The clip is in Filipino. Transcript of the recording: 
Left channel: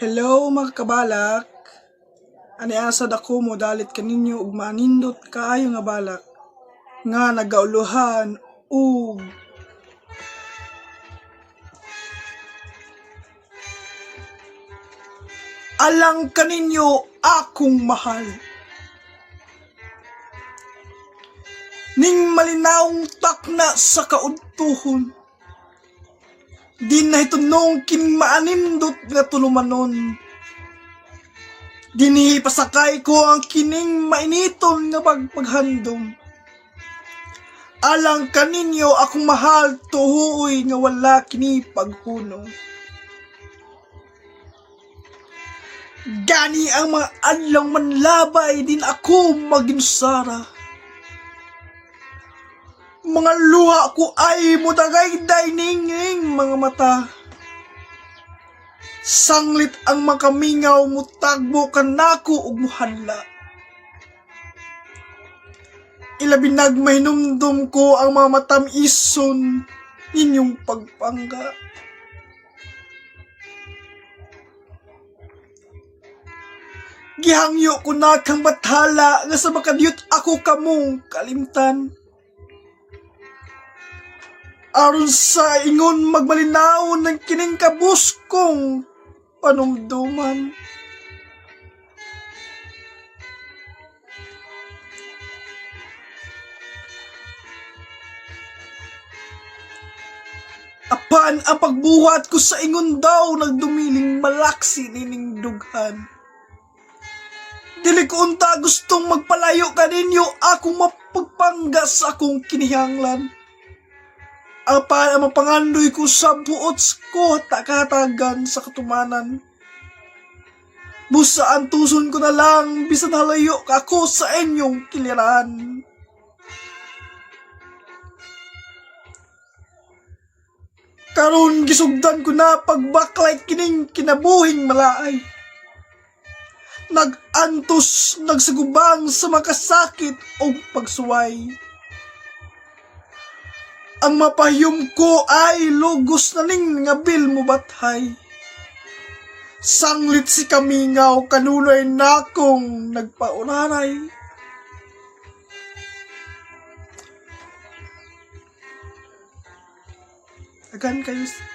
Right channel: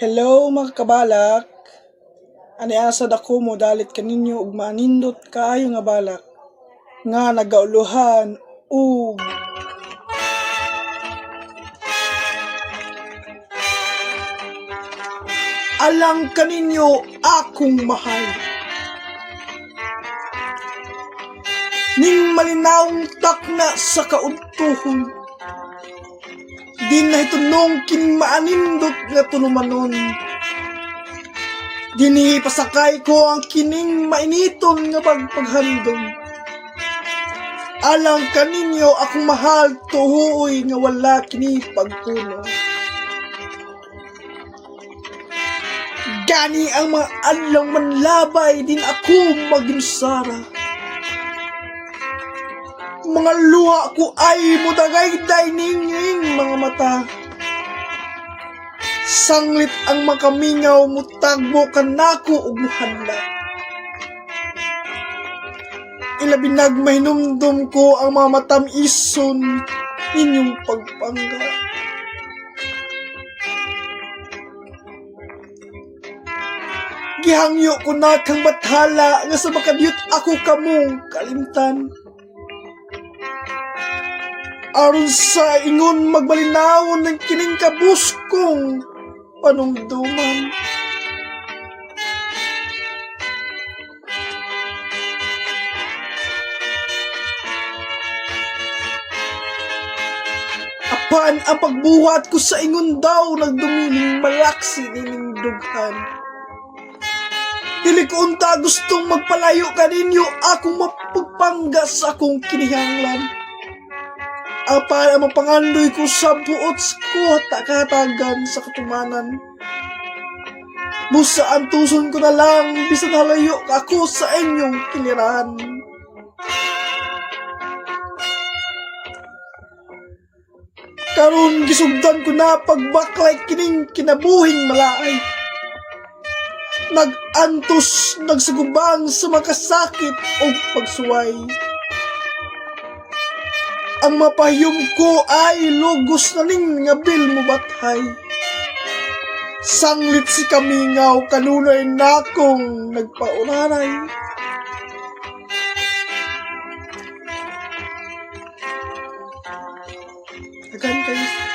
Hello mga kabalak. Ani asad ako mo dalit kaninyo ug manindot kaayo nga balak nga nagauluhan ug alang kaninyo akong mahal. Ning malinawong takna sa kaudtuhon, di na itunong kinmaanindot nga tulumanon. Dinhi pasakay ko ang kining mainiton nga pagpaghandom. Alang kaninyo akong mahal, tuhuoy nga wala kini pagpuno. Gani ang mga adlaw manlabay, din ako maginsara. Mga luha ko ay mudagayday ninging mga mata. Sanglit ang makamingaw, mutagbo kanako ug muhadla. Ilabi nagmahinumdum ko ang mga matamison ninyong pagpangga. Gihangyo ko na kang bathala nga sa makadiyot ako kamong kalimtan. Aron sa ingon magbalinaw ng kining kabuskong panungduman. Apan ang pagbuhat ko sa ingon daw nagdumiling malaksi nining dughan. Dili ko unta gustong magpalayo kaninyo akong mapagpangga sa akong kinihanglan. Apan ang mapangandoy ko sa buot ko takatagan sa katumanan. Busa ang tuson ko na lang bisan halayo ako sa inyong kiliran. Karon gisugdan ko na pagbaklay kining kinabuhing malaay. Nagantos, nagsugubang sa makasakit o pagsuway. Ang mapahiyom ko ay lugos na ning nga bil mo bathay. Sanglit si kamingaw, kanunay na akong nagpaunanay. Agan kayo.